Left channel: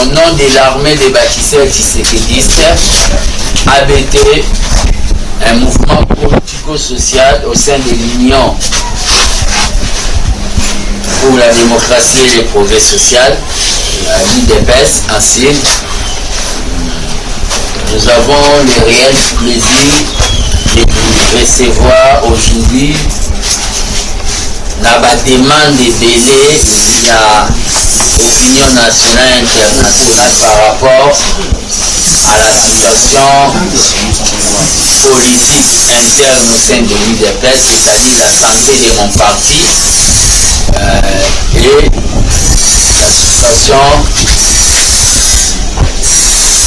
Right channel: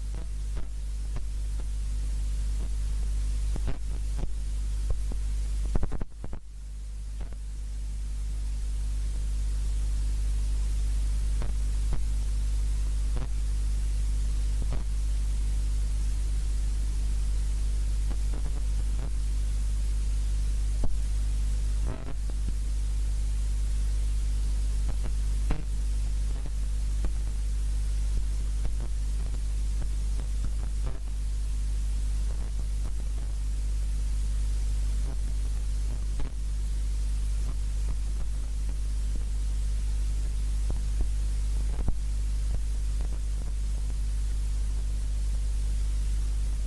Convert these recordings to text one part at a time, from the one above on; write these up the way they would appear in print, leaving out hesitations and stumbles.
au nom de l'armée des bâtisseurs tshisekidistes, ABT, un mouvement politico-social au sein de l'Union pour la démocratie et le progrès social, l'UDPS ainsi. Nous avons le réel plaisir de vous recevoir aujourd'hui dans la demande de délai de l'opinion nationale et internationale par rapport à la situation politique interne au sein de l'UDPS, c'est-à-dire la santé de mon parti et la situation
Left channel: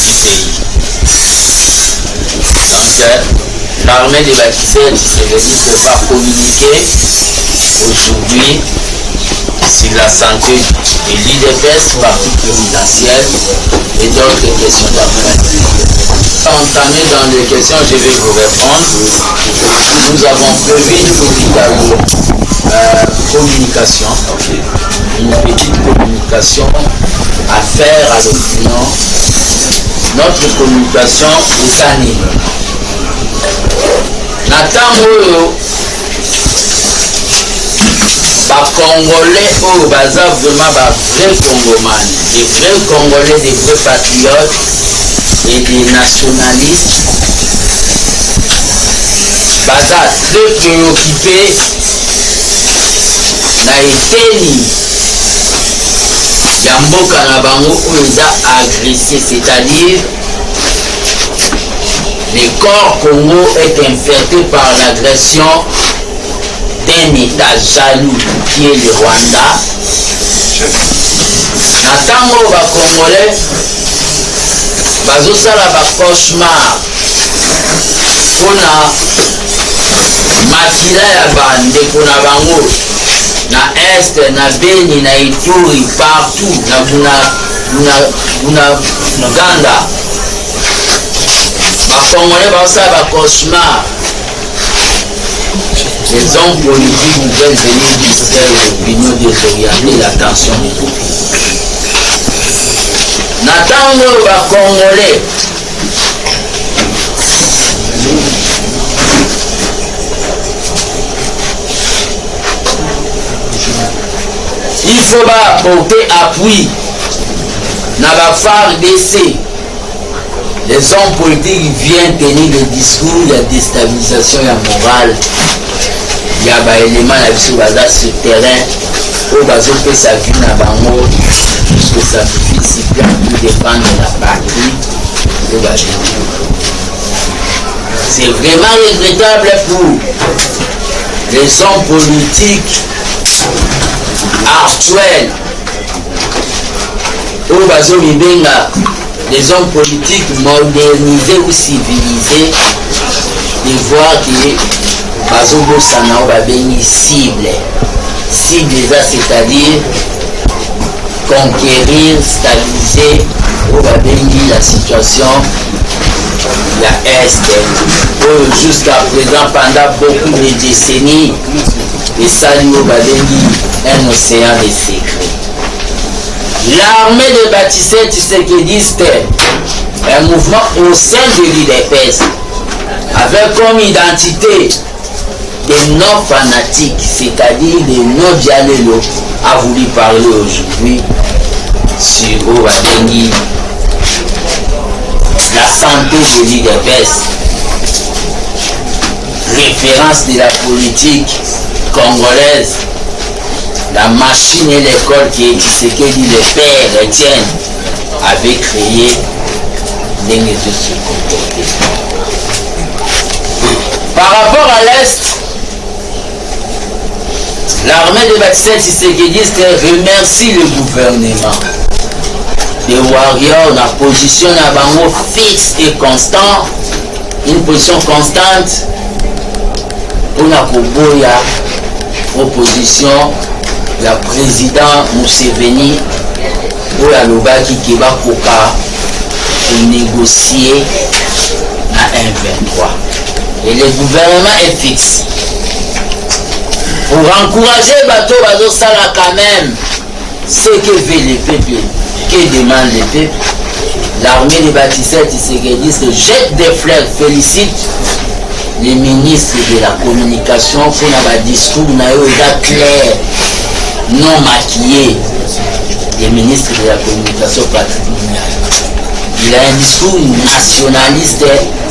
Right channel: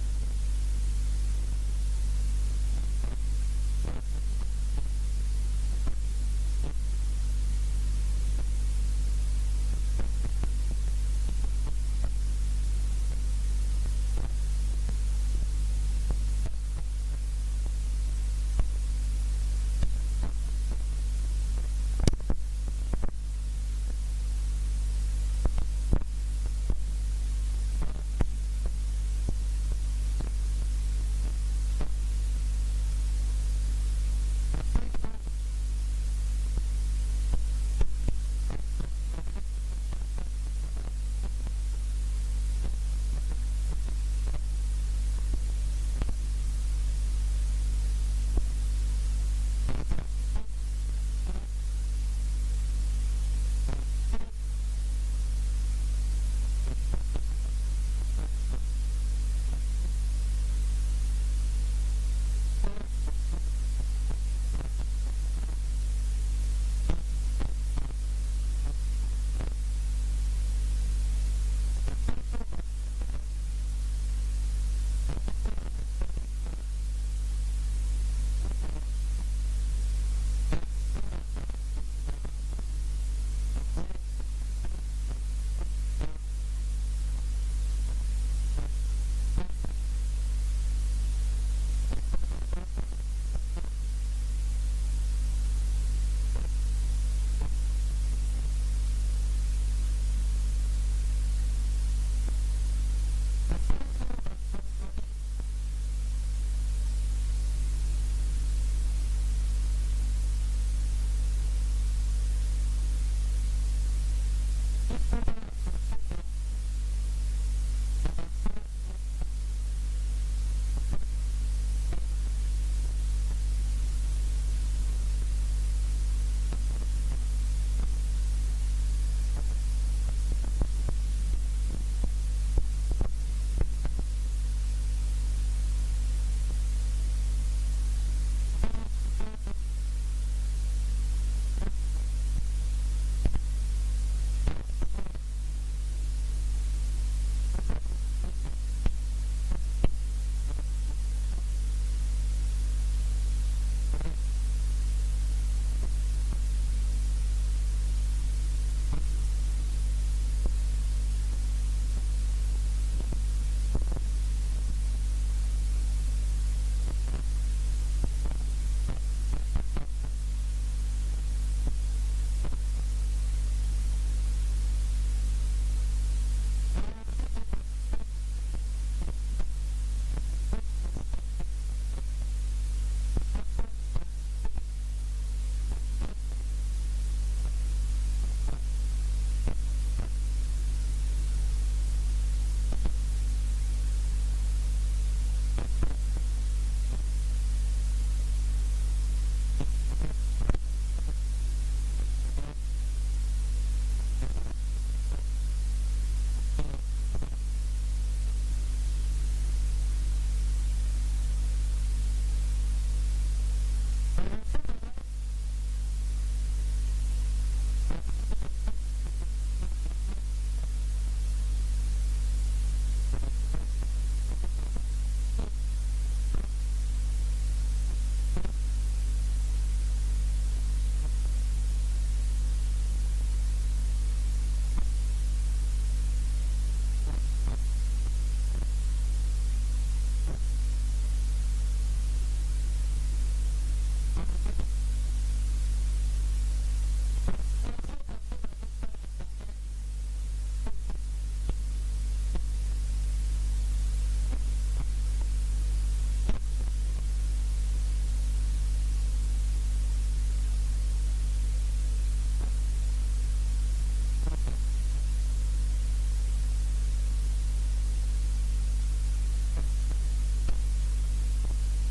du pays. Donc, l'armée des bâtisseurs ne peut pas communiquer aujourd'hui sur la santé de l'UDPS, parti présidentiel et d'autres questions d'après. Entamé dans les questions, je vais vous répondre. Nous avons prévu une petite communication, à faire à l'opinion. Notre communication est anime. Natango Congolais au bazar vraiment vrais Congomans, des vrais Congolais, des vrais patriotes et des nationalistes. Bazar très préoccupés na eteni ya mboka na bango oyo eza agressé, c'est-à-dire le corps Congo est infecté par l'agression d'un État jaloux qui est le Rwanda. Natango ba Congolais bazosala ba cauchemar pona makila ya bandeko na bango na Est, na Beni, na Ituri, partout, na Uganda. Ba Congolais bazosala ba cauchemar. Les hommes politiques veulent venir distraire l'opinion désorienter l'attention du public. Natango ba Congolais il faut porter appui na ba FARDC. Les hommes politiques viennent tenir des discours de déstabilisation morale. Il y a des éléments sur ce terrain où il sa vie na bango puisque ça suffit pour défendre la patrie. C'est vraiment regrettable pour les hommes politiques actuels où les hommes politiques modernisés ou civilisés de voir que bazobosana babengi cible, c'est-à-dire conquérir, stabiliser babengi la situation la Est jusqu'à présent pendant beaucoup de décennies et salut babengi un océan de secrets. L'armée des bâtisseurs tshisekidistes, un mouvement au sein de l'UDPS avec comme identité des non-fanatiques, c'est-à-dire des non-dialélos, a voulu parler aujourd'hui sur Obadengi, la santé de l'UDPS, référence de la politique congolaise, la machine et l'école qui est Tshisekedi, le père Etienne, avait créé l'un de se comporter. Par rapport à l'Est, l'armée des bâtisseurs tshisekidistes remercie le gouvernement. Les warriors, la position à bango fixe et constant, une position constante pour la Koboya, proposition la président Museveni pour la Lobaki qui va pour négocier à 1,23. Et le gouvernement est fixe. Pour encourager Bateau Sala quand même, ce que veut le peuple Que demande le peuple? L'armée de bâtisseurs tisséguédistes jette des fleurs, félicite les ministres de la communication pour un discours clair, non maquillé. Les ministres de la communication patrimoniale. Il a un discours nationaliste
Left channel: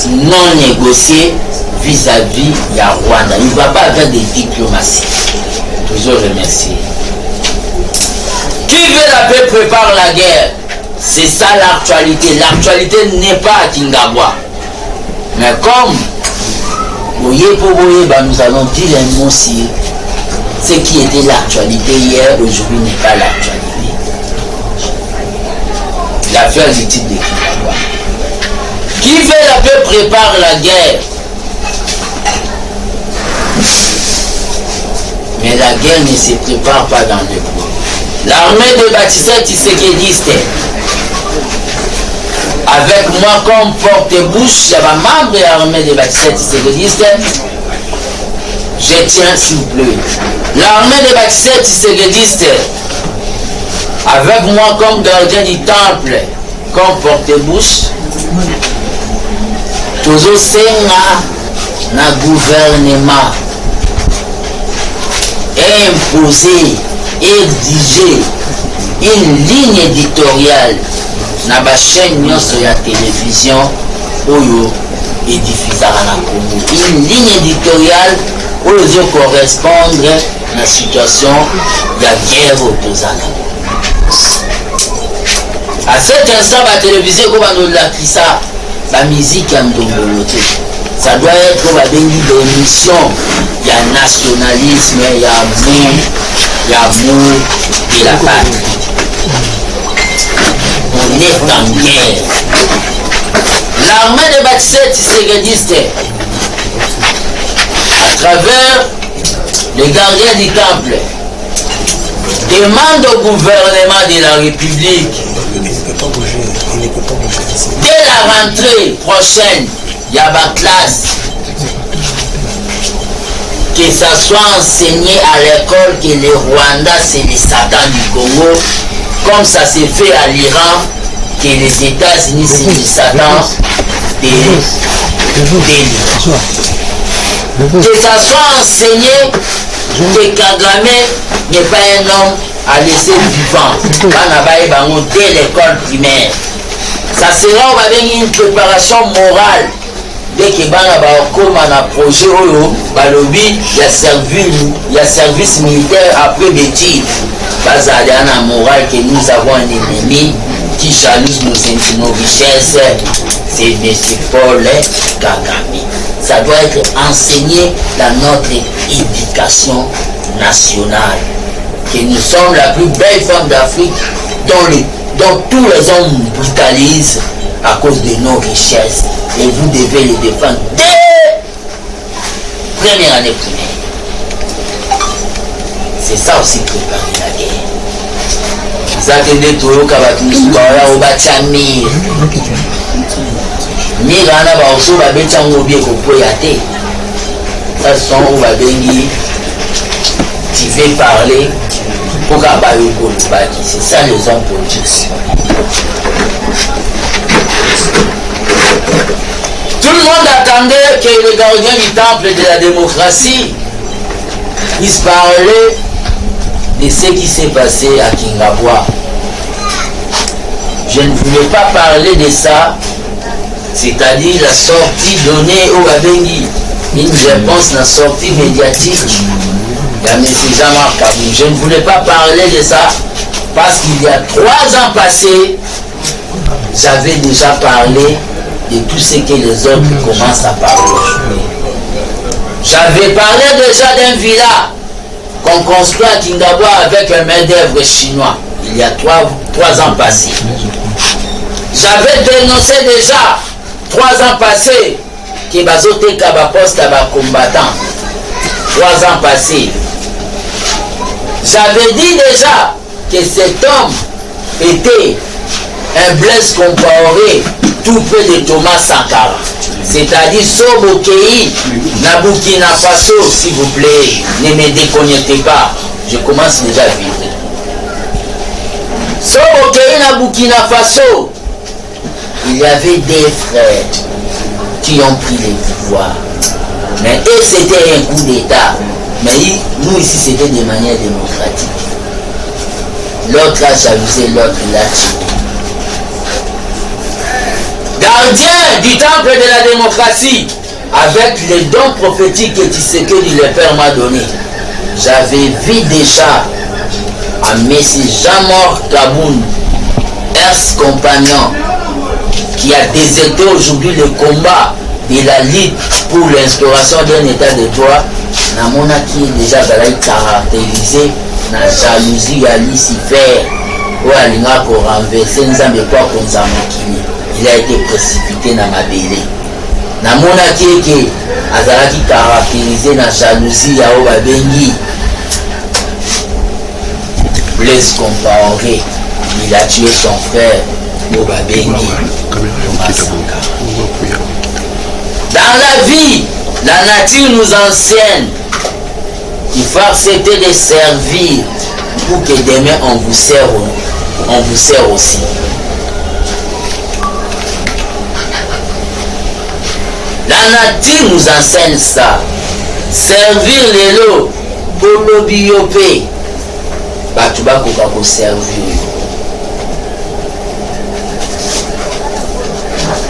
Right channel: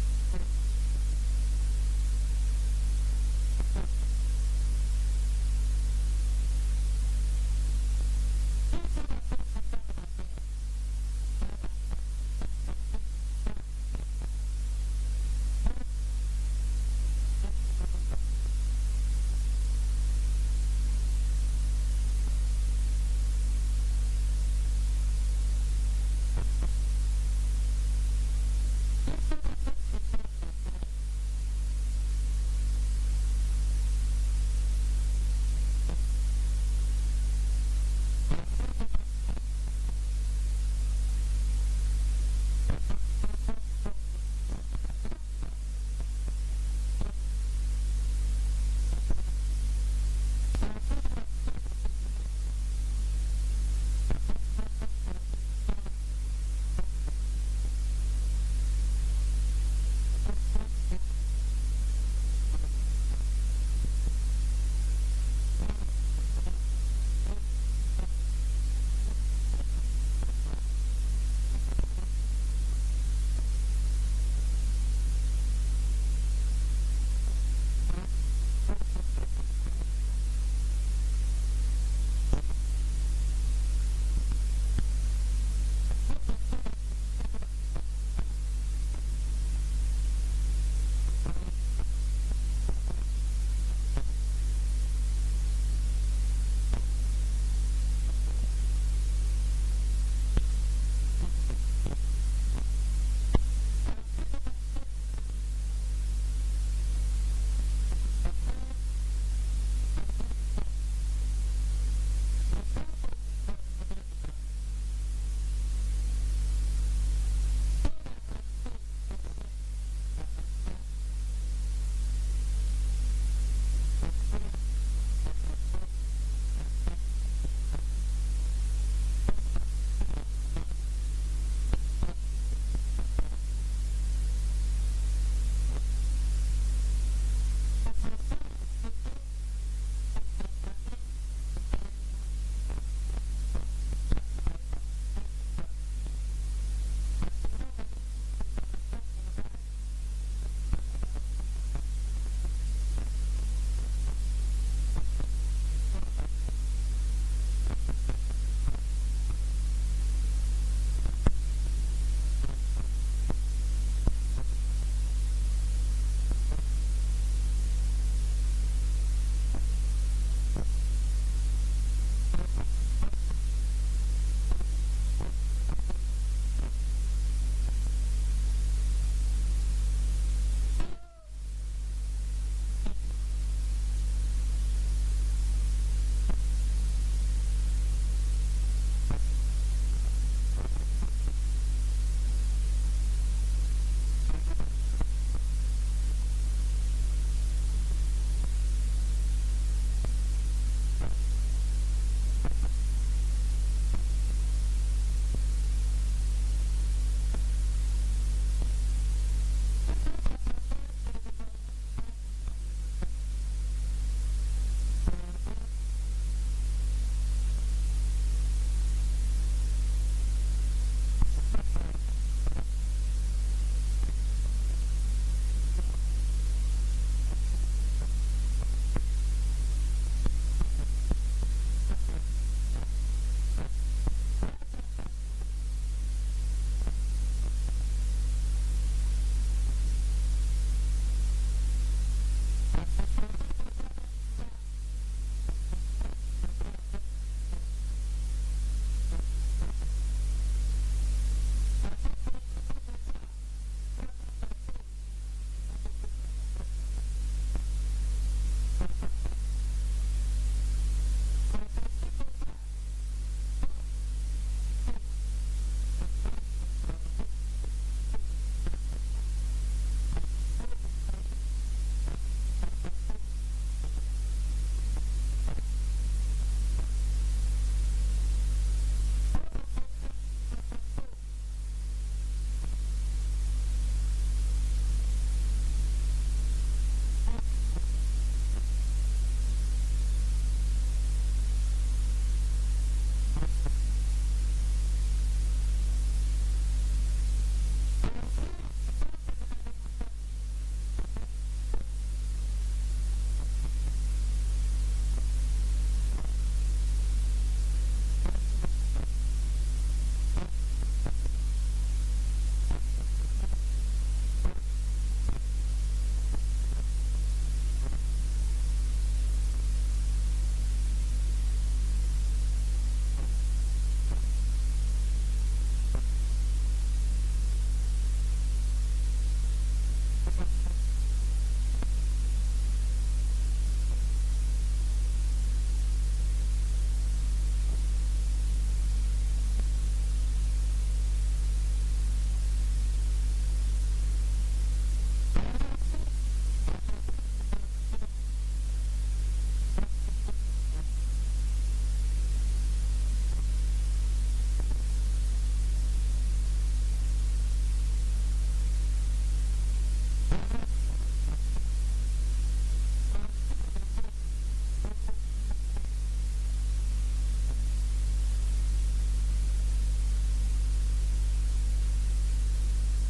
non négocié vis-à-vis de Rwanda. Il ne va pas avec des diplomaties. Toujours remercier. Qui veut la paix prépare la guerre. C'est ça l'actualité. L'actualité n'est pas à Kingabwa. Mais comme nous allons dire un mot si ce qui était l'actualité hier, aujourd'hui n'est pas l'actualité. L'affaire du titre de Kingabwa. Qui veut la paix prépare la guerre. Mais la guerre ne se prépare pas dans le bois. L'armée de bâtisseurs tisséguédistes, avec moi comme porte-bouche, il y a un membre de l'armée de bâtisseurs tisséguédistes, je tiens s'il vous plaît. L'armée de bâtisseurs tisséguédistes, avec moi comme gardien du temple, comme porte-bouche, toujours c'est na gouvernement imposer, exiger une ligne éditoriale na ba chaîne nyonso ya télévision oyo edifizaka na Congo. Une ligne éditoriale oyo correspondre na situation ya guerre au tozana. À cet instant, la télévision comme la musique ya Ndombolote. Ça doit être une émission. Il y a nationalisme, il y a amour de la patrie. On est en guerre. L'armée des bâtisseurs tisséguédistes, à travers les gardiens du temple, demande au gouvernement de la République, dès la rentrée prochaine, il y a ma classe, que ça soit enseigné à l'école que le Rwanda c'est le Satan du Congo, comme ça s'est fait à l'Iran, que les États-Unis c'est le Satan de l'Iran. Que ça soit enseigné que Kagame n'est pas un homme à laisser vivant dès l'école primaire. Ça sera une préparation morale. Dès que bana ba comme un projet balobi il y a service militaire après métier. Bazali ana morale que nous avons un ennemi qui jalouse nos richesses, c'est M. Paul Kagame. Ça doit être enseigné dans notre éducation nationale. Que nous sommes la plus belle femme d'Afrique dont tous les hommes brutalisent à cause de nos richesses. Et vous devez les défendre dès première année primaire. C'est ça aussi préparer la guerre. Ça que des tours au Bachamir. Mirana va aussi va bien bien copoyate. Ça sont où va bengi. Tu veux parler pour qu'abayo kolbaki. C'est ça les hommes politiques. Tout le monde attendait que le gardien du temple de la démocratie puisse parler de ce qui s'est passé à Kingabwa. Je ne voulais pas parler de ça, c'est-à-dire la sortie donnée au Abengi, une réponse à la sortie médiatique de M. Jean-Marc Kabou. Je ne voulais pas parler de ça parce qu'il y a 3 ans passés, j'avais déjà parlé de tout ce que les autres commencent à parler aujourd'hui. J'avais parlé déjà d'un villa qu'on construit à Kingabwa avec un main-d'œuvre chinois, il y a 3 ans passés. J'avais dénoncé déjà 3 ans passés que Bazote Kabapost a combattant. 3 ans passés. J'avais dit déjà que cet homme était un Blaise Compaoré tout près de Thomas Sankara. C'est-à-dire Sobokei, Burkina Faso, s'il vous plaît, ne me déconnectez pas. Je commence déjà à vivre. Sobokei na Burkina Faso, il y avait des frères qui ont pris le pouvoir. Mais eux, c'était un coup d'État. Mais nous, ici, c'était de manière démocratique. L'autre a jalousé, l'autre l'a tué. Gardien du temple de la démocratie, avec les dons prophétiques que Tshisekedi le Père m'a donné, j'avais vu déjà à M. Jean-Marc Kabound, ex-compagnon, qui a déserté aujourd'hui le combat de la lutte pour l'instauration d'un état de droit, namona qui est déjà caractérisé na jalousie à Lucifer, ou à l'ingá pour renverser nzambe kwa konza mokili. Il a été précipité dans ma bélé. Namona qui azalaki caractérisé na jalousie à Obabengi. Blaise Compaoré, il a tué son frère Obabengi. Dans la vie, la nature nous enseigne qu'il faut accepter de servir pour que demain on vous sert aussi. La nature nous enseigne ça. Servir les lots pour le biopé. Tu vas servir.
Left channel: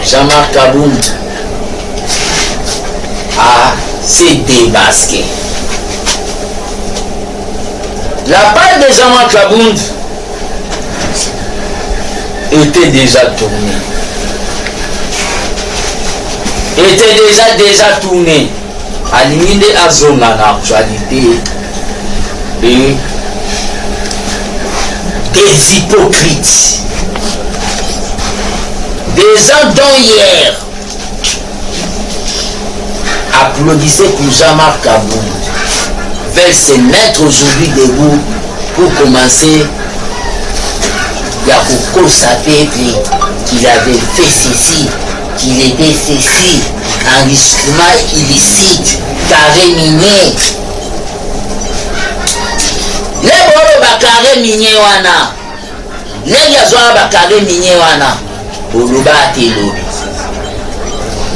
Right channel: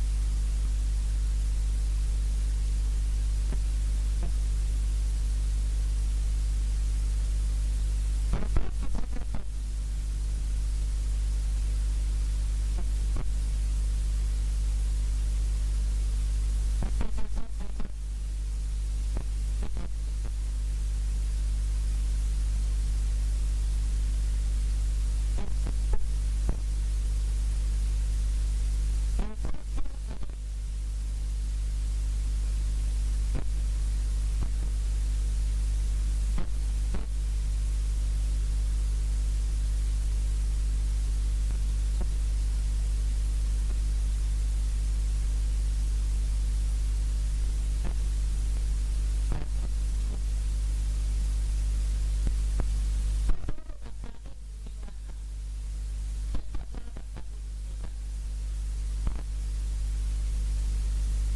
Jean-Marc Kabound s'est débasqué. La part de Jean-Marc Kabound était déjà tournée. Déjà tourné à l'imide à zone en actualité et des hypocrites, des gens dont hier applaudissaient pour Jean-Marc Kabound veulent se mettre aujourd'hui debout pour commencer à constater qu'il avait fait ceci, qu'il était ceci, enrichissement illicite, carré minier. Les bolo bakare minier wana, les yazwa bakare minier wana, oloba telobi.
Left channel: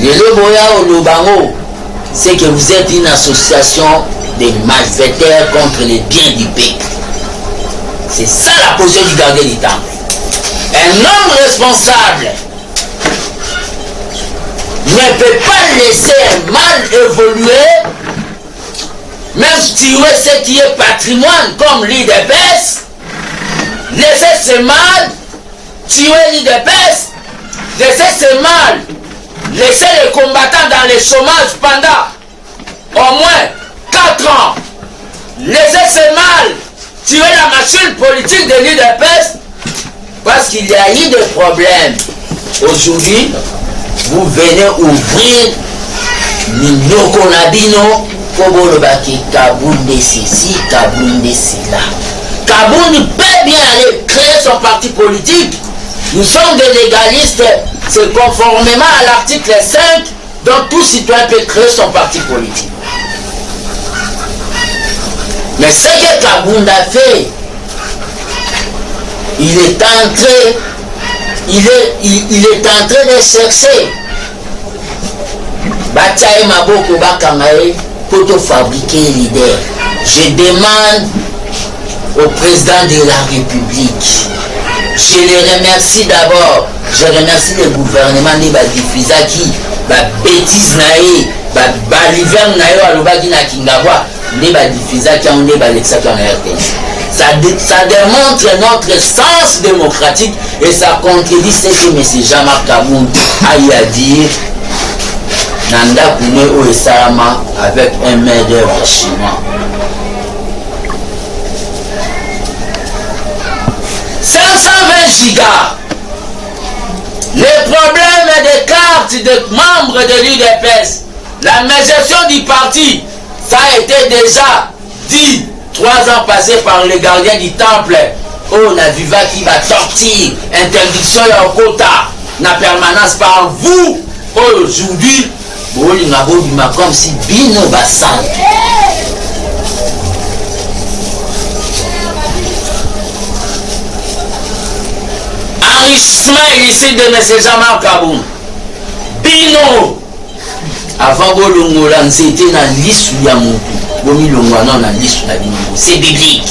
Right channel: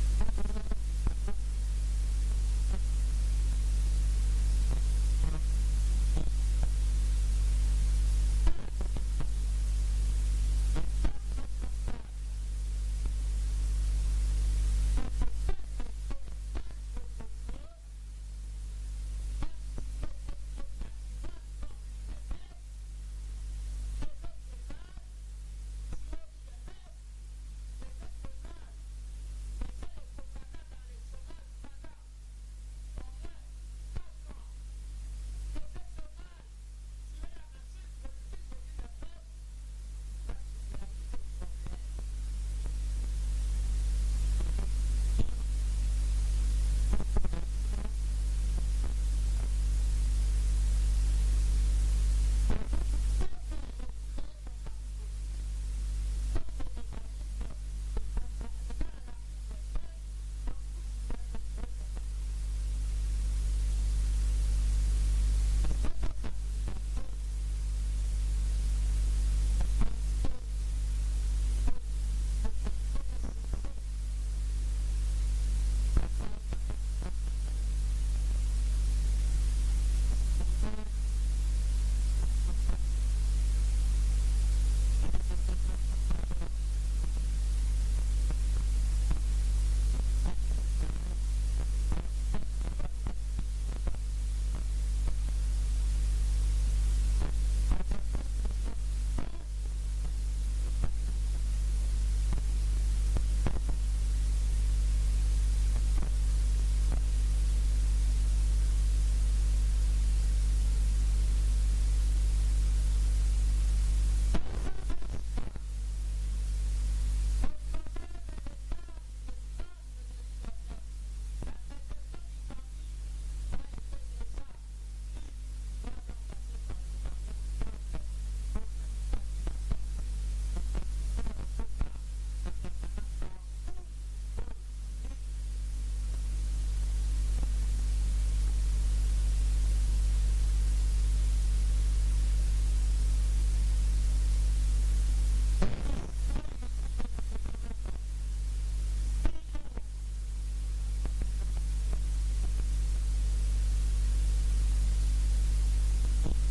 Les loboya olobango, c'est que vous êtes une association de malfaiteurs contre les biens du peuple. C'est ça la position du gardien du temple. Un homme responsable ne peut pas laisser un mal évoluer, même tuer ce qui est patrimoine comme l'IDPS, laisser ce mal tuer l'IDPS, laisser ce mal, laisser les combattants dans le chômage pendant au moins 4 ans, laisser ce mal tuer la machine politique de l'IDPS, parce qu'il y a eu des problèmes. Aujourd'hui, vous venez ouvrir Minoko Nabino, Kobolobaki, Kabound ceci, Kabound cela. Kabound peut bien aller créer son parti politique. Nous sommes des légalistes, c'est conformément à l'article 5, dont tout citoyen peut créer son parti politique. Mais ce que Kabound a fait, il est en train de chercher Bataille Maboko Bakamae pour te fabriquer leader. Je demande au président de la République, je le remercie d'abord, je remercie le gouvernement de Badifizaki, bêtise nae, Baliver nae alobaki na Kingawa, ne Badifizaki on ne Balexaki en RTS. Ça démontre notre sens démocratique et ça contredit ce que M. Jean-Marc Kabound a eu à dire. Nanda Kouné Oesama avec un main d'œuvre chinois. 520 gigas. Les problèmes des cartes de membres de l'UDPS, la gestion du parti, ça a été déjà dit 3 ans passés par les gardiens du temple. Oh, na viva qui va sortir, interdiction et au quota, na permanence par vous. Aujourd'hui, comme si Bino Bassan. Ismaël ici de M. Jean-Marc Kaboun. Bino. Avant de l'ongola, c'était dans l'issue de mon c'est biblique.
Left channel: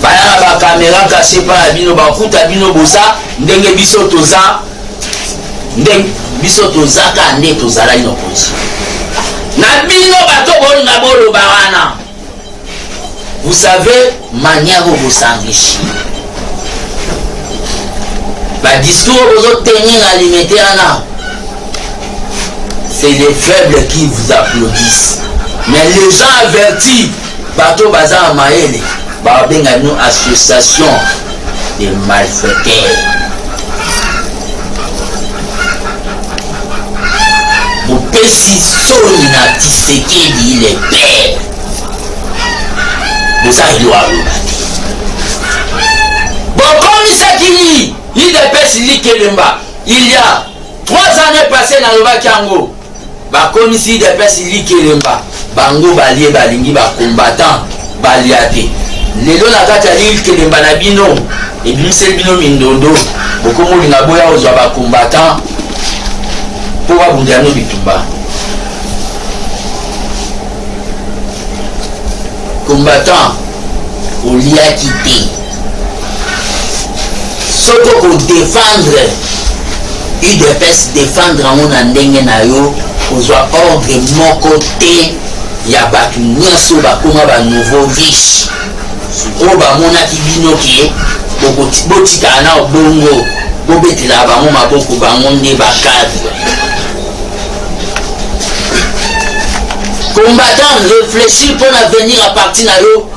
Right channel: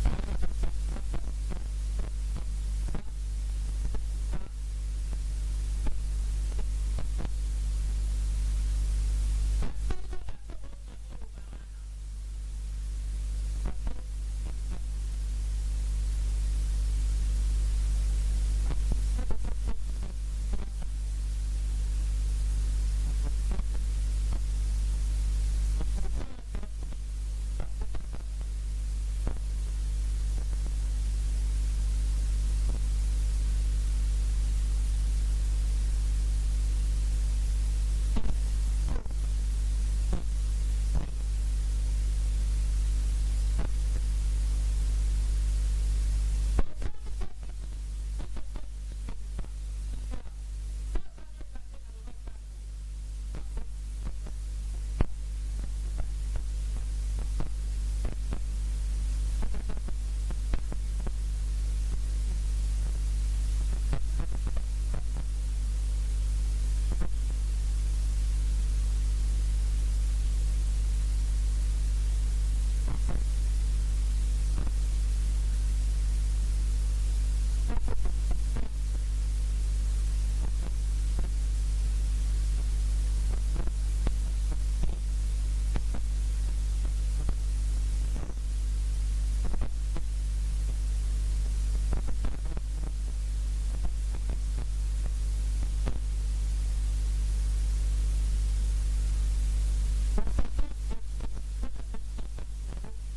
Baya ba caméra cachée par la bino ba kuta bino bosa ndenge biso toza ndenge biso toza ka nde tozala ino position. Na bino bato boni na bolo barana. Vous savez manière où vous s'enrichir. Ba discours vous tenir alimenter ana. C'est les faibles qui vous applaudissent. Mais les gens avertis, bateau bazar maël, babenga une association de malfaiteurs. Vous pessi sonina Tshisekedi il est père. Vous avez le droit. Bon, comme il s'est il dépêche Likelemba. Il y a 3 années passées dans le Bakango. Ba komisi de pesi Likelemba bango balie balingi ba combattant baliate lelo na kati ya Likelemba na bino e bimisel bino mindondo bokomo linga boya ozwa ba combattant po ba bundano bitumba combattant au lia quitté soko ko défendre UDPS défendre mon andenge na yo ozwa ordre mon côté ya batu nyoso bakoma ba nouveau riche o ba mona kibino ki botika na bongo bobetela bango maboko bango nde bakadre combattant réfléchir pour l'avenir à partir na yo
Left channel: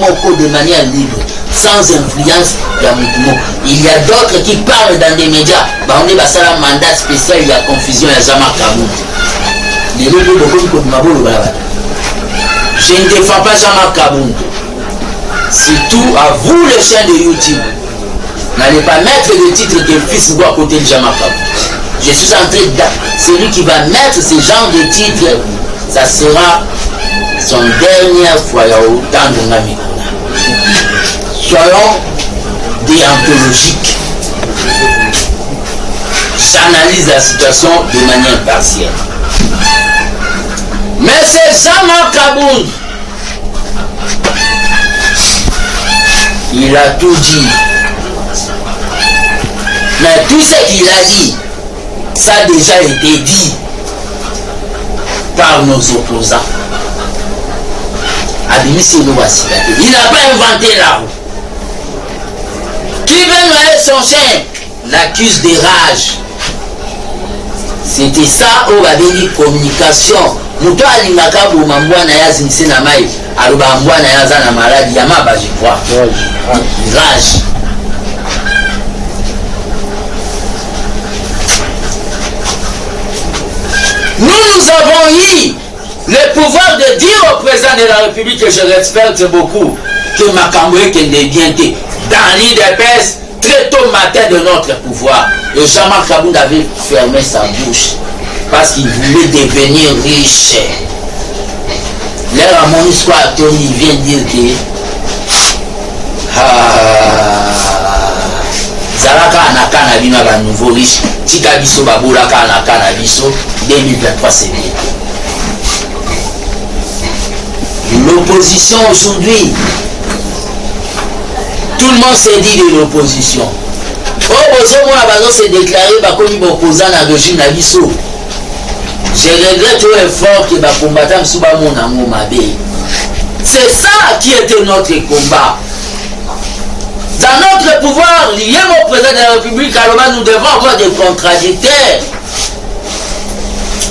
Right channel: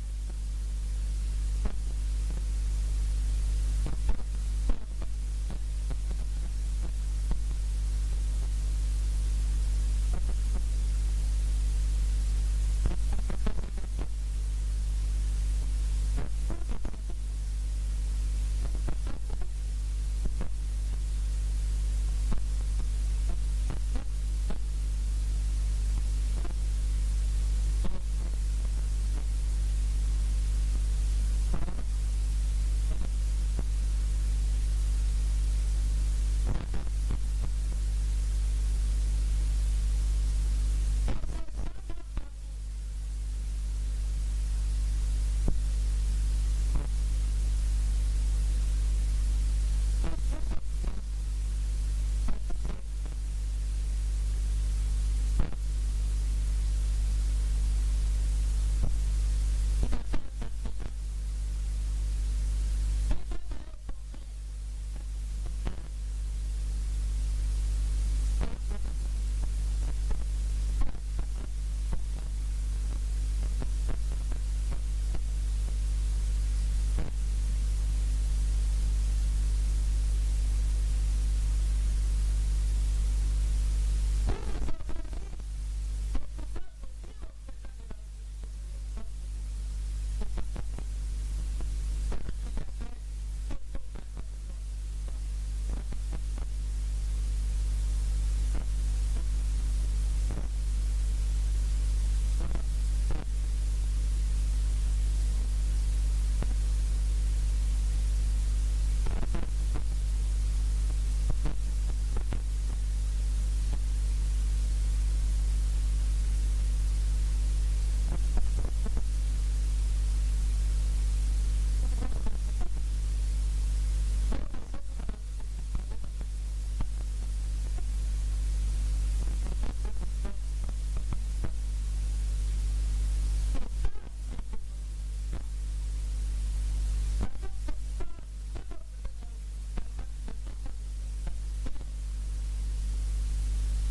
moko de manière libre sans influence de mouvement. Il y a d'autres qui parlent dans des médias. On est passé à un mandat spécial, il y a confusion, il y a Jean-Marc Kaboun. Je ne défends pas Jean-Marc Kaboun. Surtout à vous les chaînes de YouTube. N'allez pas mettre le titre que le fils doit à côté de Jean-Marc Kaboun. Je suis en train de... Celui qui va mettre ce genre de titre, ça sera son dernière fois autant de Namikona. Soyons déontologiques. J'analyse la situation de manière partielle. Mais c'est Jean-Marc Kaboun. Il a tout dit. Mais tout ce qu'il a dit, ça a déjà été dit par nos opposants. Il n'a pas inventé la roue. Qui veut noyer son chien l'accuse de rage. C'était ça où avait dit communication. Nous toi l'imaka pour m'envoyer na yazinse na mai. Aluba m'envoyer na yazana malade yama ba je crois. Rage. Nous avons eu le pouvoir de dire au président de la République que je respecte beaucoup que Makamboé qui est bien dans l'IDPS très tôt matin de notre pouvoir. Et Jean-Marc Kaboun avait fermé sa bouche parce qu'il voulait devenir riche. L'air à mon histoire, Tony vient dire que Zalaka Anaka Nabina va nouveau riche, Tikabiso Baboulaka Anaka Nabiso, 2023 c'est bien. L'opposition aujourd'hui, tout le monde s'est dit de l'opposition. Oh, s'est déclaré comme opposant à la régime Nabiso. Je regrette au effort que les combattants sous mon amour m'abe. C'est ça qui était notre combat. Dans notre pouvoir, lié au président de la République, alors nous devons avoir des contradicteurs.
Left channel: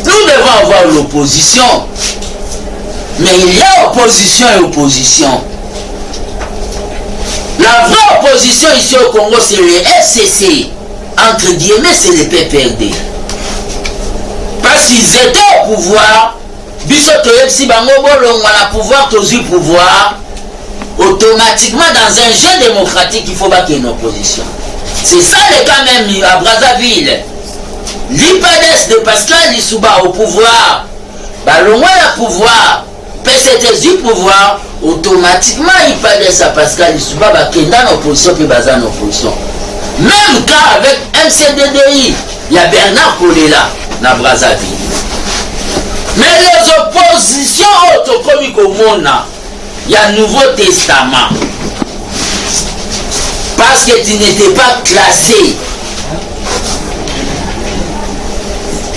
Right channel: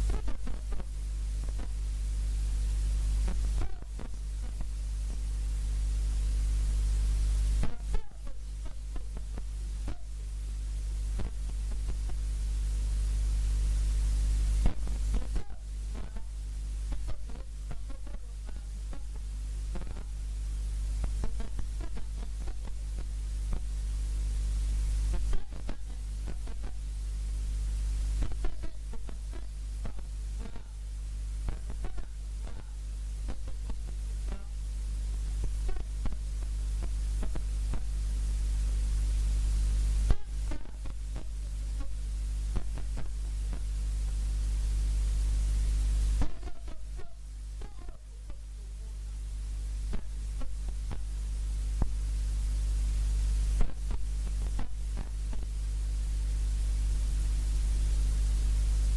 Nous devons avoir l'opposition. Mais il y a opposition et opposition. La vraie opposition ici au Congo, c'est le FCC. Entre guillemets, c'est le PPRD. Parce qu'ils étaient au pouvoir, si on a pouvoir, pouvoir, automatiquement dans un jeu démocratique, il faut pas qu'il y ait une opposition. C'est ça le cas même à Brazzaville. L'IPADES de Pascal Lissouba au pouvoir, le moins le pouvoir, PCT du pouvoir, automatiquement il parle de ça Pascal Lissouba qui est dans l'opposition puis dans l'opposition. Même cas avec MCDDI, il y a Bernard Kolela dans Brazzaville. Mais les oppositions autocomiques au monde, il y a le Nouveau Testament. Parce que tu n'étais pas classé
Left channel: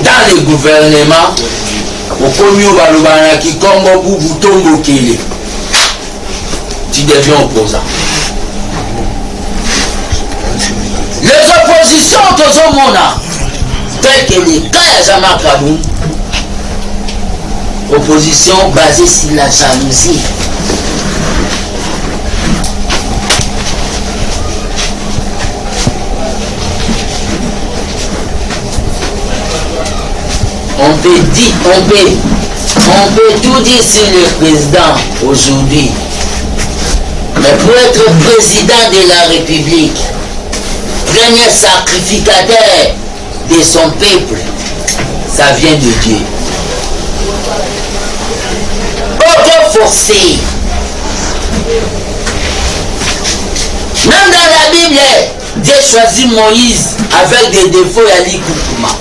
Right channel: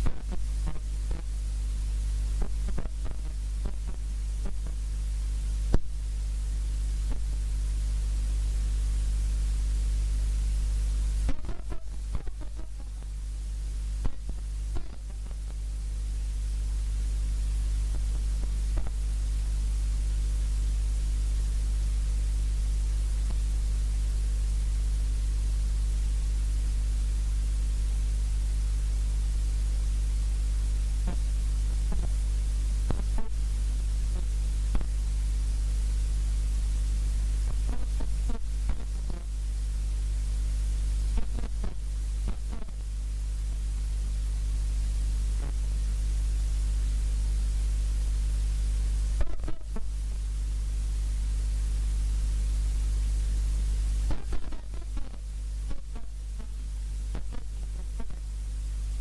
dans les gouvernements, au premier qui Congo Boubou Kélé, tu deviens opposant. Les oppositions au monde, telles que les cas de Jean-Marc Kaboun, opposition basée sur la jalousie. On peut tout dire sur le président aujourd'hui. Mais pour être président de la République, premier sacrificateur de son peuple, ça vient de Dieu. Aucun forcé. Même dans la Bible, Dieu choisit Moïse avec des défauts et Ali Koukouma.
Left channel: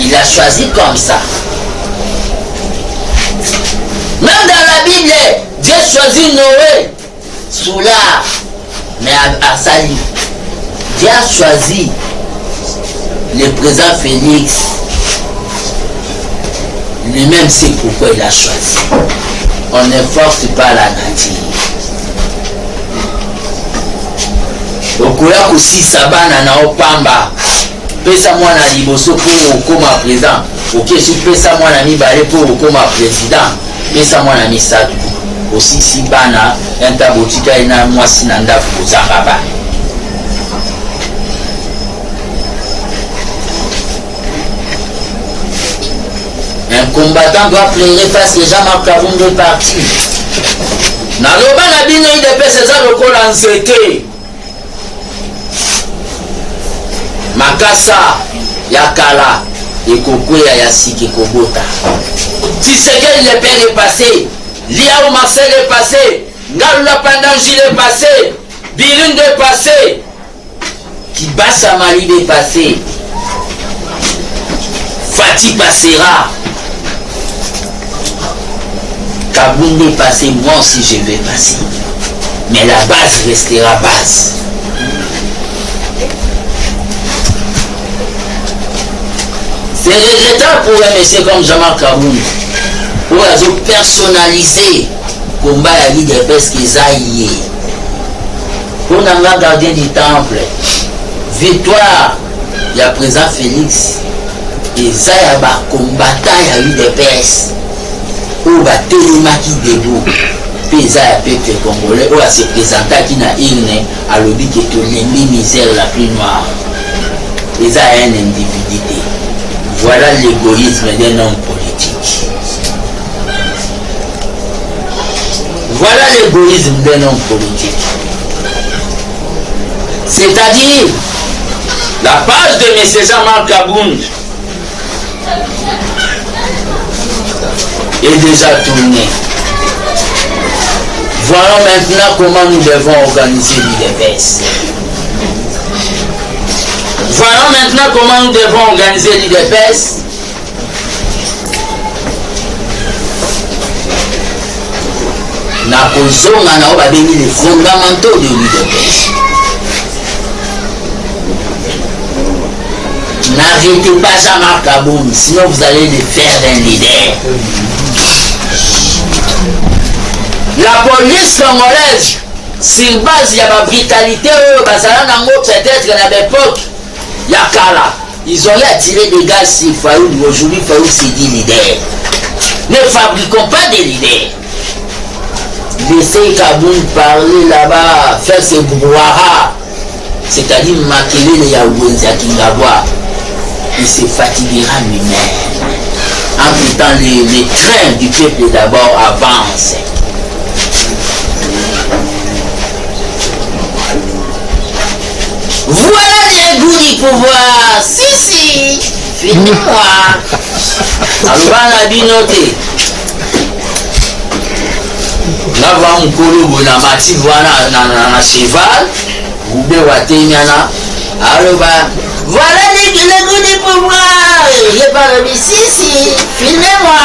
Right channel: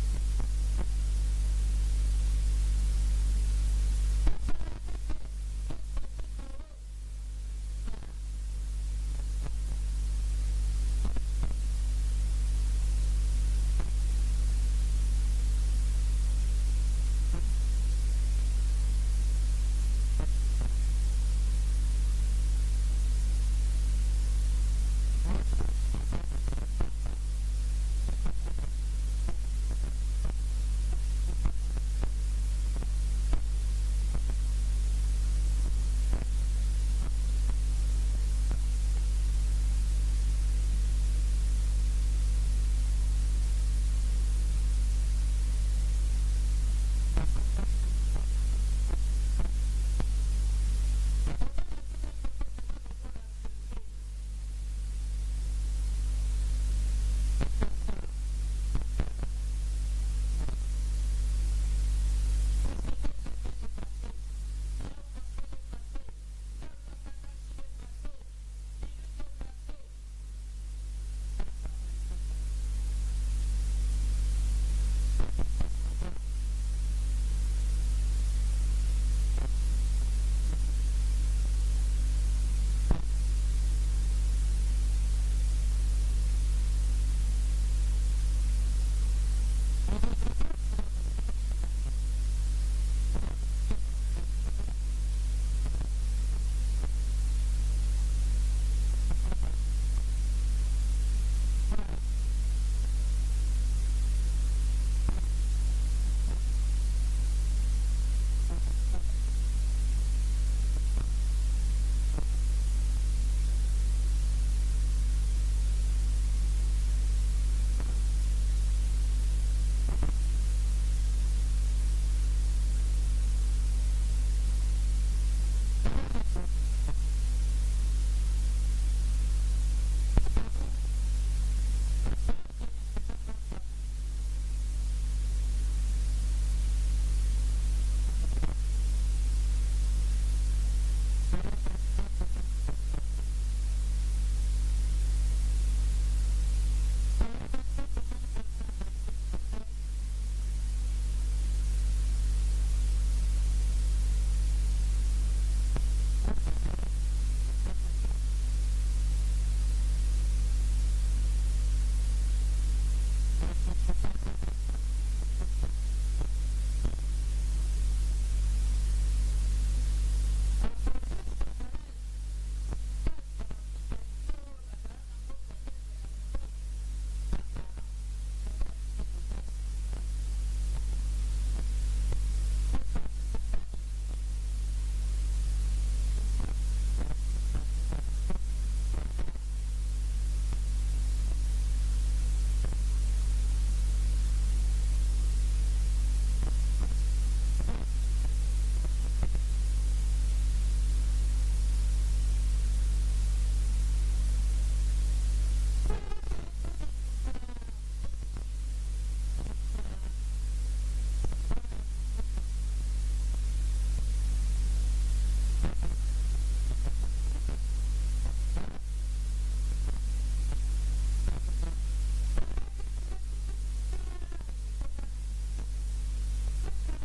Il a choisi comme ça. Même dans la Bible, Dieu choisit Noé sous l'art, mais à Sali. Dieu a choisi le président Félix. Lui-même sait pourquoi il a choisi. On ne force pas la nature. Okoya aussi sabana na opamba. Pesa mwana liboso pour okoma président. Ok, si pesa mwana mibale pour okoma président. Pesa mwana misatu. Aussi si bana entabotika ina mwasi na ndafu kozanga ba. Un combattant doit pleurer parce que Jean-Marc Kaboun est parti. Naloba na bino ide pesa za lokola nzete. Makasa Yakala et Kokwea Yasiki Kobota. Si c'est que le père est passé, Liao Marcel est passé, Ngalula Pandanji est passé, Birund est passé, Kibasa Mali est passé, Fatih passera, Kaboun est passé, moi aussi je vais passer. Mais la base restera base. C'est regrettable pour un monsieur comme Jean-Marc Kaboun pour personnaliser le combat à l'idée parce qu'ils aillent. Pour un gardien du temple, victoire, il y a présent Félix, et ça y a un combattant à l'idée parce où va tellement qui debout. Puis ça y a un peuple congolais, où se présenta qui n'a une à l'objet qui est l'ennemi misère la plus noire. Et ça y a une individualité. Voilà l'égoïsme d'un homme politique. Voilà l'égoïsme d'un homme politique. C'est-à-dire, la page de M. Jean-Marc Kaboun est déjà tournée. Voyons maintenant comment nous devons organiser l'IDPS. Voyons maintenant comment nous devons organiser l'IDPS. Nous avons les fondamentaux de l'IDPS. N'arrêtez pas Jean-Marc Kaboun, sinon vous allez les faire un leader. La police congolaise, sur base de la brutalité, peut-être à l'époque, Yakala, ils ont attiré des gars sur Faoud. Aujourd'hui, Faoud s'est dit leader. Ne fabriquons pas des leaders. Laissez Kaboun parler là-bas, faire ses brouhaha, c'est-à-dire maquiller les Yaouenzi à Kingaboua. Il se fatiguera lui-même. En tout temps, les trains du peuple d'abord avancent. Voilà les goûts du pouvoir. Si, finis-moi. Alors, on a bien noté. Là, va mon colo, na mati, voilà, na cheval, ou bien, wateniana. Alors, voilà les goûts du pouvoir. Je parle ici, filmez-moi.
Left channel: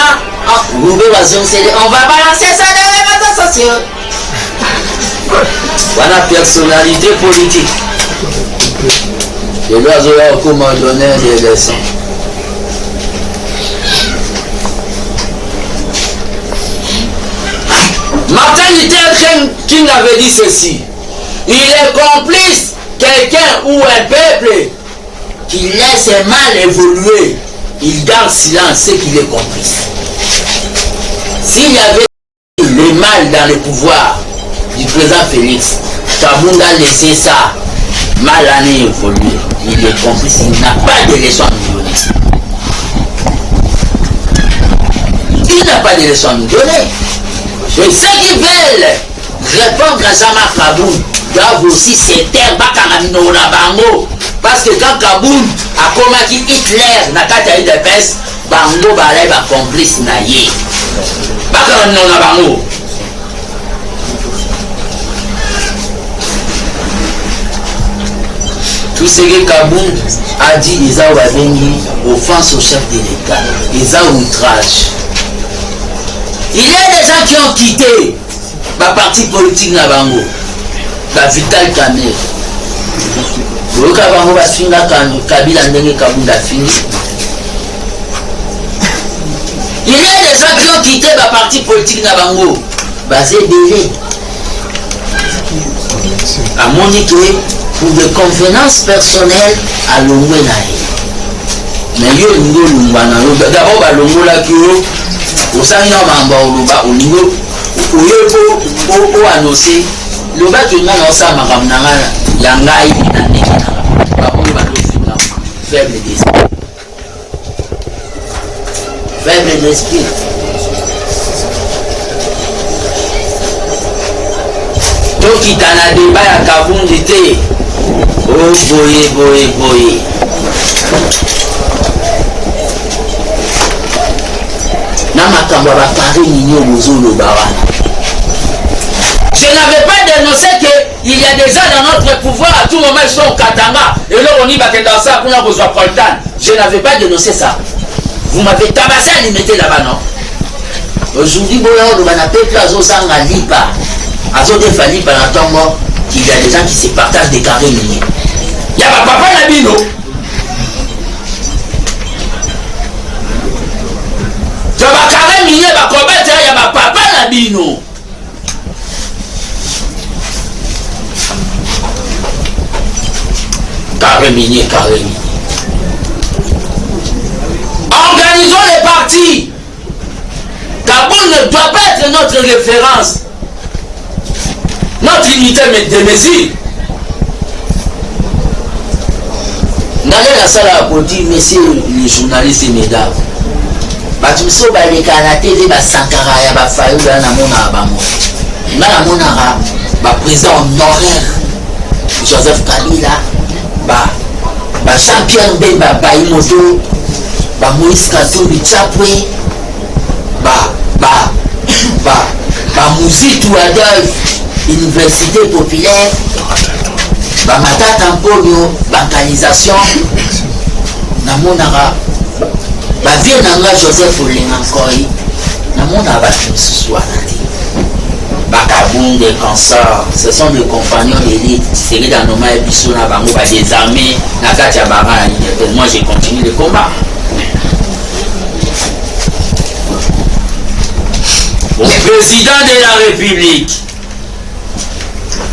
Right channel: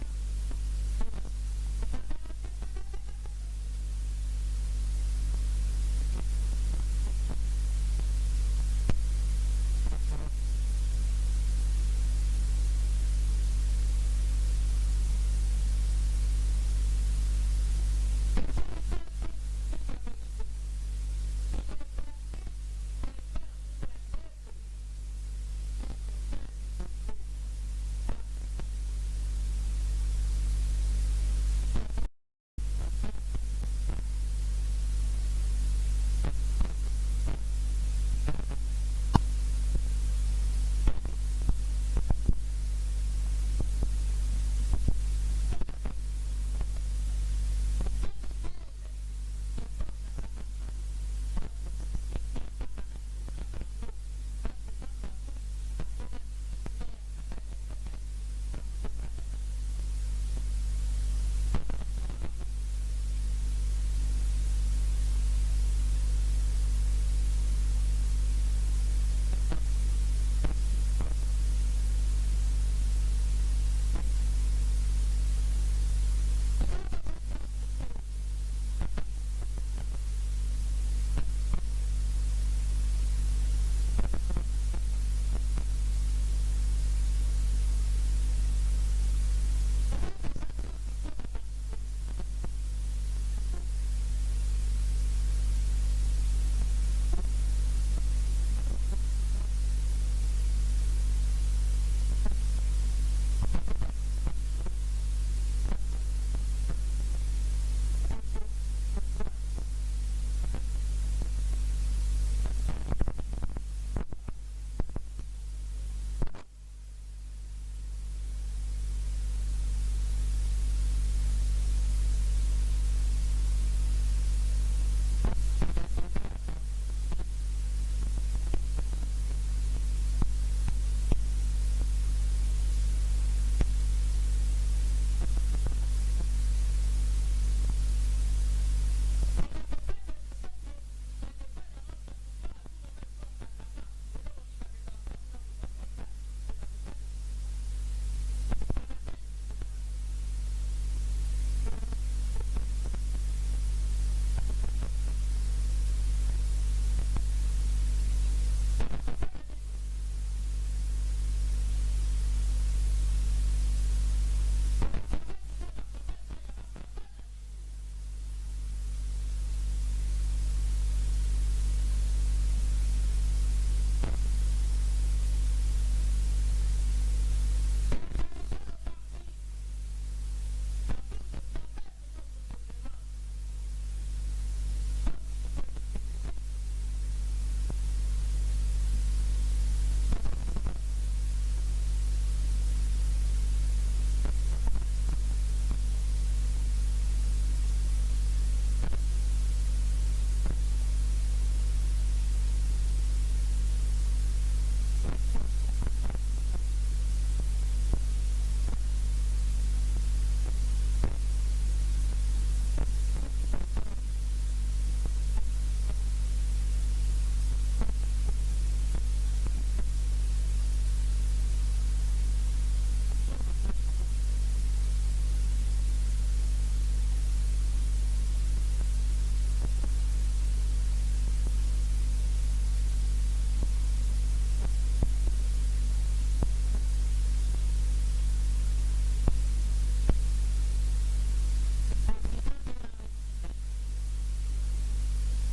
On va balancer ça dans les réseaux sociaux. Voilà, personnalité politique. Je dois avoir comment donner des leçons. Martin Luther King avait dit ceci. Il est complice, quelqu'un ou un peuple qui laisse un mal évoluer, il garde silence, c'est qu'il est complice. S'il y avait le mal dans le pouvoir du président Félix, Kabound a laissé ça mal année évoluer. Il est complice, il n'a pas de leçon à nous donner. Il n'a pas de leçon à nous donner. Et ceux qui veulent répondre à Jean-Marc Kabound doivent aussi se taire Bakangamino Bango. Parce que quand Kabound a combattu Hitler na kata UDPS, Bango balai ba complice na ye. Bakangamino Bango. Tout ce que Kabound a dit, ils ont offense au chef de l'État, ils ont outrage. Il y a des gens qui ont quitté ma parti politique na bango, la Vital Kamerhe. Le Kabango va finir Kabila ndenge Kabound a fini. Il y a des gens qui ont quitté ma parti politique na bango, basé délai. À Monique, pour des convenances personnelles à l'ongwe nae. Mais yo lingo lungwana d'abord ba longo la kyo osanga mamba oluba olingo oyepo o annoncer le ba ki ngana osama kamnanga ya ngai na ndenge ba ko ba do fina faible d'esprit. Faible d'esprit. Donc il t'en a débat à Kabound était. Oh boy. Je n'avais pas dénoncé qu'il y a des gens dans notre pouvoir, à tout moment ils sont au Katanga, et là on y va dans ça pour nous besoin de temps. Je n'avais pas dénoncé ça. Vous m'avez tabassé à limiter là-bas, non? Aujourd'hui, on a peuple à Zosanga Lipa, à Zodefa Lipa, qu'il y a des gens qui se partagent des carrés miniers. Il y a ma papa Nabino. Il y a ma carré minier, ma combattre, il y a ma papa Nabino. Carré minier. Organisons les partis. Kabound ne doit pas être notre référence. Notre unité de mesure. N'allez la salle à côté, messieurs les journalistes et mesdames. Batumso baleka na TV ba Sankara ya ba Fayou ya na mona ba mo. Na mona ba président honoraire Joseph Kabila ba Jean-Pierre Bemba ba Imoto ba Moïse Katumbi Chapwe ba Mouzitou Adolphe Université populaire ba Matata Mponyo bancalisation na monara ba vie nanga Joseph Olengankoi na mona ba Tsusuanati ba Kabound des consorts, ce sont des compagnons d'élite. C'est que dans nos mains biso na bango ba désarmés na katia bara. Moi j'ai continué le combat. Au président de la République,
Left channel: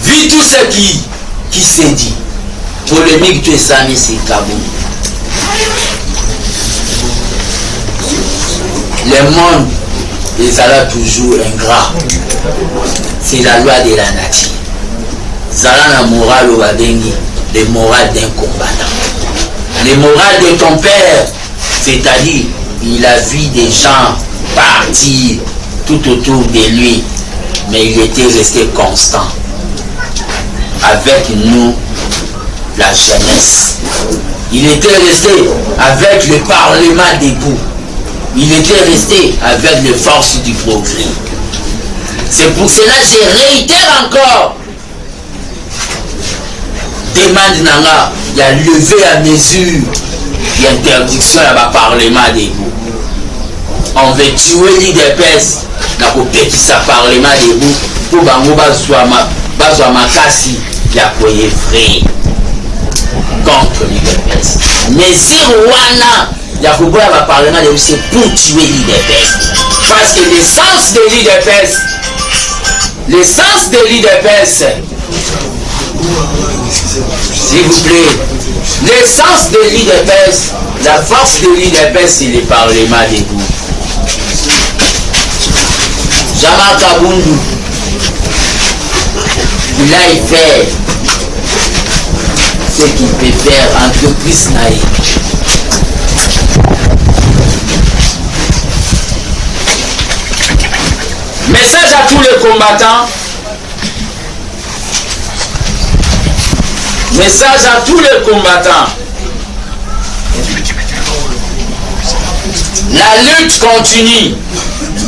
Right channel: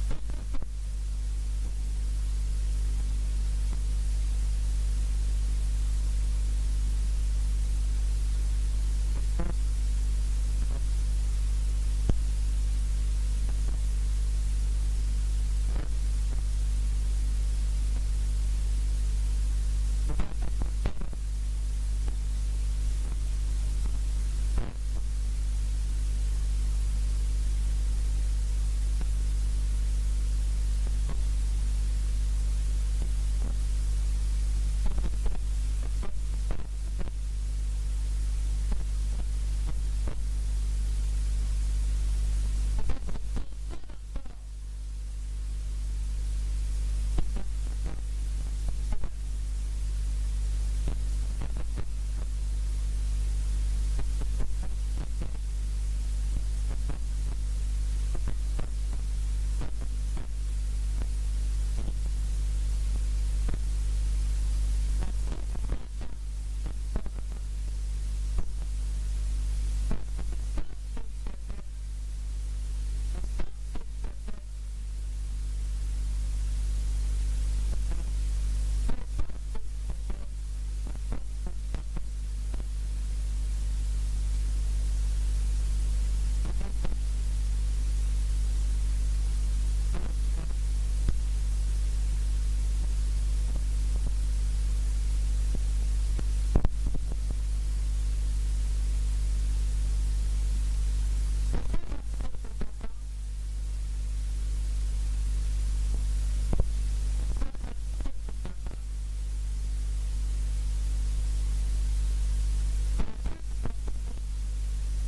vu tout ce qui s'est dit, polémique tu es Sami c'est Kabound. Le monde est toujours ingrat. C'est la loi de la nature. Zala na moral au Abengi, le moral d'un combattant. Le moral de ton père, c'est-à-dire, il a vu des gens partir tout autour de lui, mais il était resté constant. Avec nous, la jeunesse. Il était resté avec le Parlement debout. Il était resté avec les forces du progrès. C'est pour cela que je réitère encore. Demande nanga, il y a levé à mesure l'interdiction à ma parlement debout. On veut tuer l'IDPS, n'a pas qui ça parlement debout pour bango bazwa makasi ya koye vrai contre l'IDPS. Mais si Rwanda ya koboya ma parlement debout, c'est pour tuer l'IDPS. Parce que l'essence de l'IDPS, s'il vous plaît, l'essence de l'IDPS, la force de l'IDPS, c'est le parlement debout. Jamal Kabundu, il a fait ce qu'il peut faire, entreprise naïve. Message à tous les combattants. Message à tous les combattants. La lutte continue.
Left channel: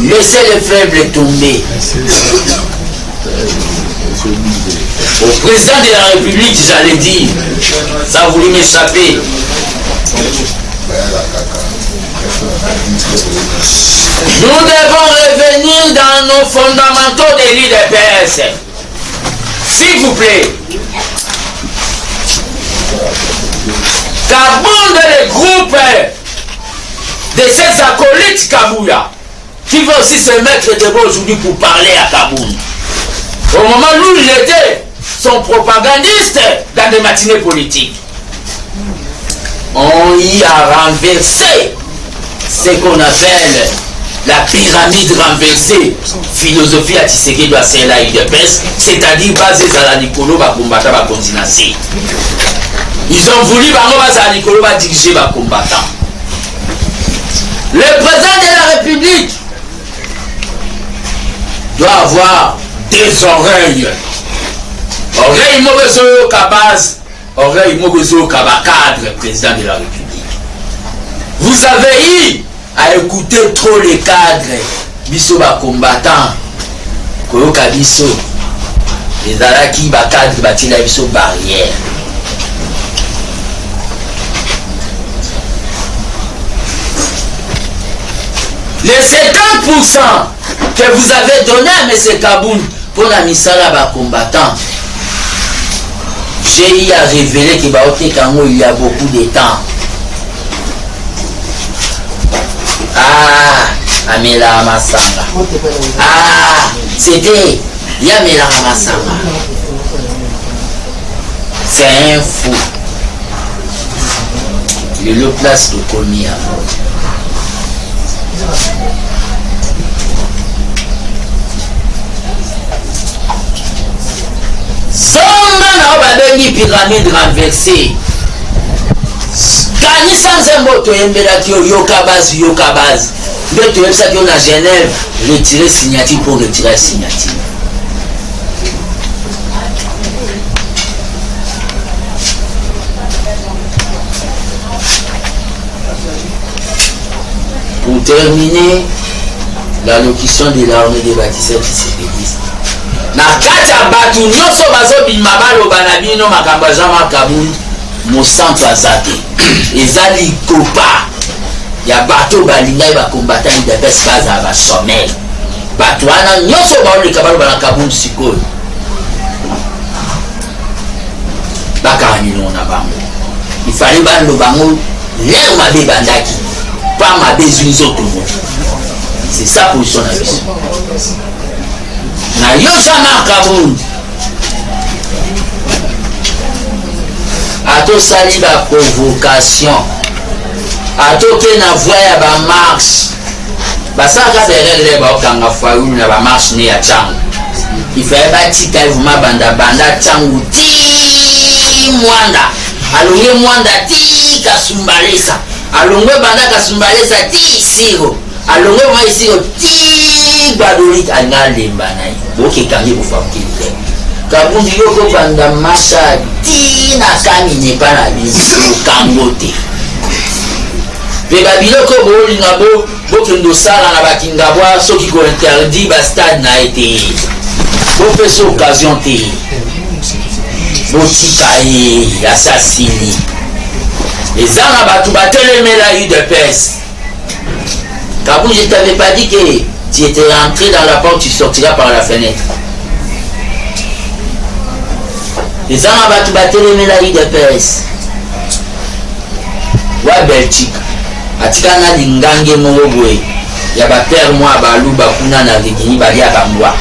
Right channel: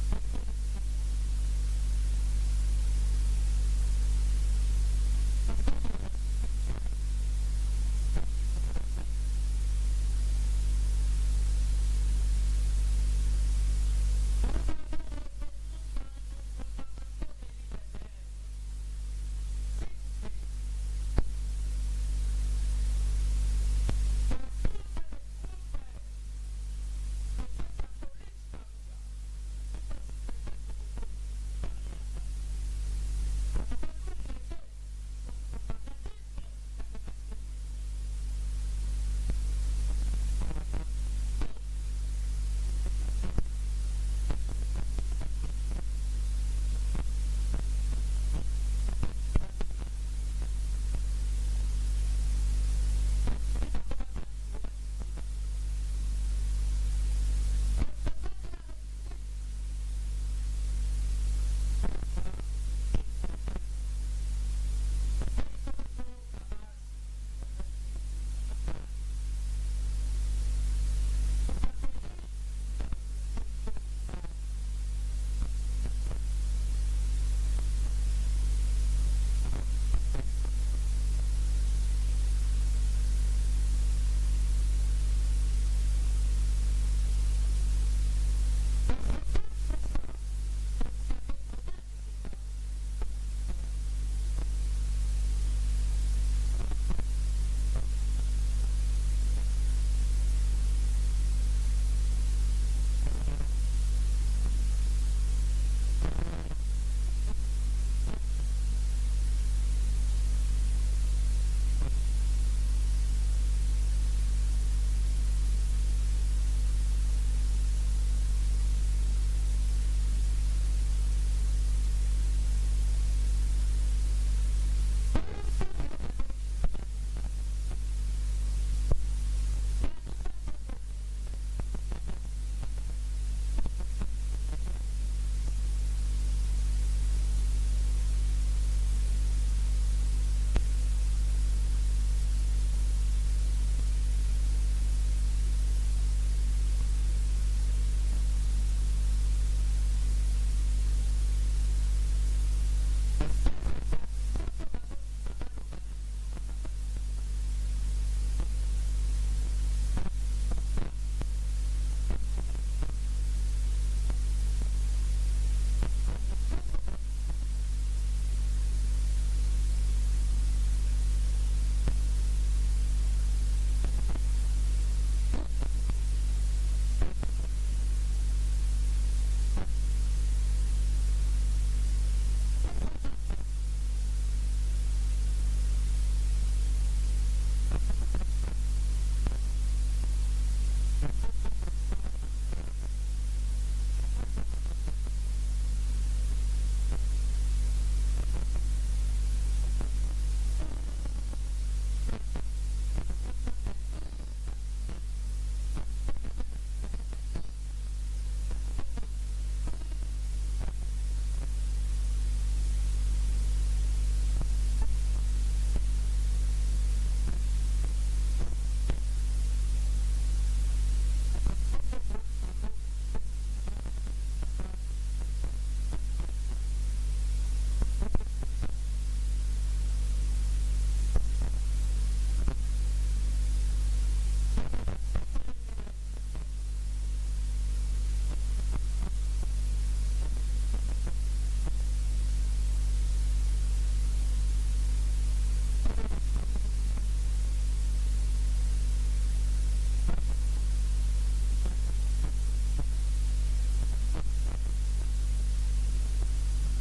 Laissez les faibles tomber. Au président de la République, j'allais dire, ça a voulu m'échapper. Nous devons revenir dans nos fondamentaux de l'IDPS. S'il vous plaît. Kabound est le groupe de ces acolytes Kabouya qui veut aussi se mettre debout aujourd'hui pour parler à Kabound. Au moment où il était son propagandiste dans des matinées politiques. On y a renversé ce qu'on appelle la pyramide renversée, philosophie à Tshisekedi à Sela UDPS, c'est-à-dire basée sur la Nicolo Bakumbata Bakonzinasi. Ils ont voulu diriger les combattants. Le président de la République doit avoir des oreilles. Oreilles Mobezo Kabaz, oreilles Mobezo Kabakadre, président de la République. Vous avez eu à écouter trop les cadres, biso ba combattants, Koyoka biso, les Araki ba cadre batila biso barrière. Les 50% que vous avez donné à M. Kabound pour la misala ba combattant, j'ai eu à révéler que il y a beaucoup de temps. Ah, Amela Masanga. Ah, c'était Yamela Masanga. C'est un fou. Il est le place de Komia. Songa na babengi pyramide renversée. Kani sans un mot, yoka base. Mais tu es ça qu'on a Genève, retirer signature pour retirer signature. Pour terminer, l'allocution de l'armée des bâtisseurs qui se pédissent. Na kata batu nyoso bazo bimabalo banabino makambajama Kabound mosanto azate. Ezali kopa. Ya bato balingai ba combattant de base baza ba sommet. Bato ana nyoso ba le kabalo ba Kabound sikoyo. Baka ni na bango. Il fallait ba lo bango l'air mabe bandaki. Pas ma besoin autres. C'est ça position na biso. Na yo jamais Kabound. Ato sali ba provocation. Ato ke na voie ya ba marche. Basaka berele ba okanga faulu na ba marche ne ya changu. Il fait ba tika vuma banda changu ti mwanda. Alonge mwanda ti kasumbalesa. Alonge banda kasumbalesa ti siro. Alonge mwa siro ti badolit analemba nai. Boke kangi bufamkile. Kabound yoko banda masha ti na kami nepa na biso kangote. Pe babiloko boli na bo bokendo sala na bakingabwa soki ko interdit ba stade na été bopé so occasion te botika ye assassini eza na batu batelemela UDPS. Kabou, je t'avais pas dit que tu étais rentré dans la porte, tu sortiras par la fenêtre. Les gens à tu battre les médailles de PS. Wa Belgique. Atika na lingange mowobwe. Ya ba père moi ba luba kuna na ligini ba ya bambwa.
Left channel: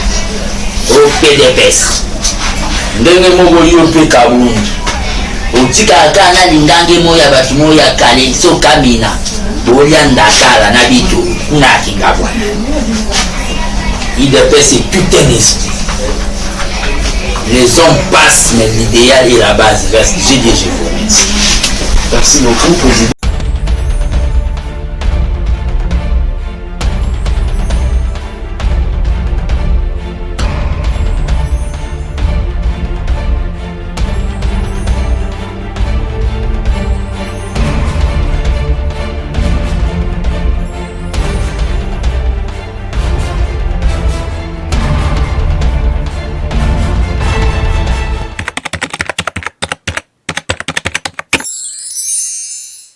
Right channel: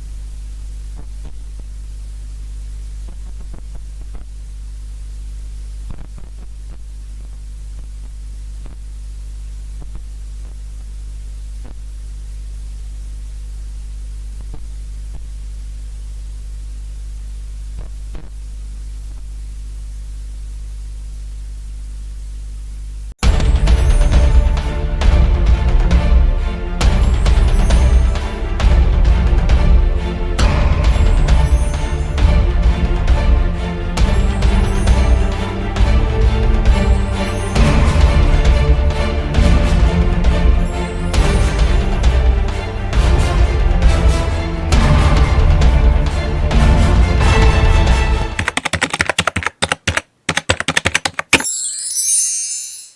O PDPS. Ndenge mogoli o pe Kabou. O tika kana lingange moya batu moya kale so kamina. Bolia ndakala na bitu kuna kingabwa. UDPS c'est putain d'esprit. Les hommes passent, mais l'idéal et la base reste. J'ai dit, je vous remercie. Merci beaucoup, président.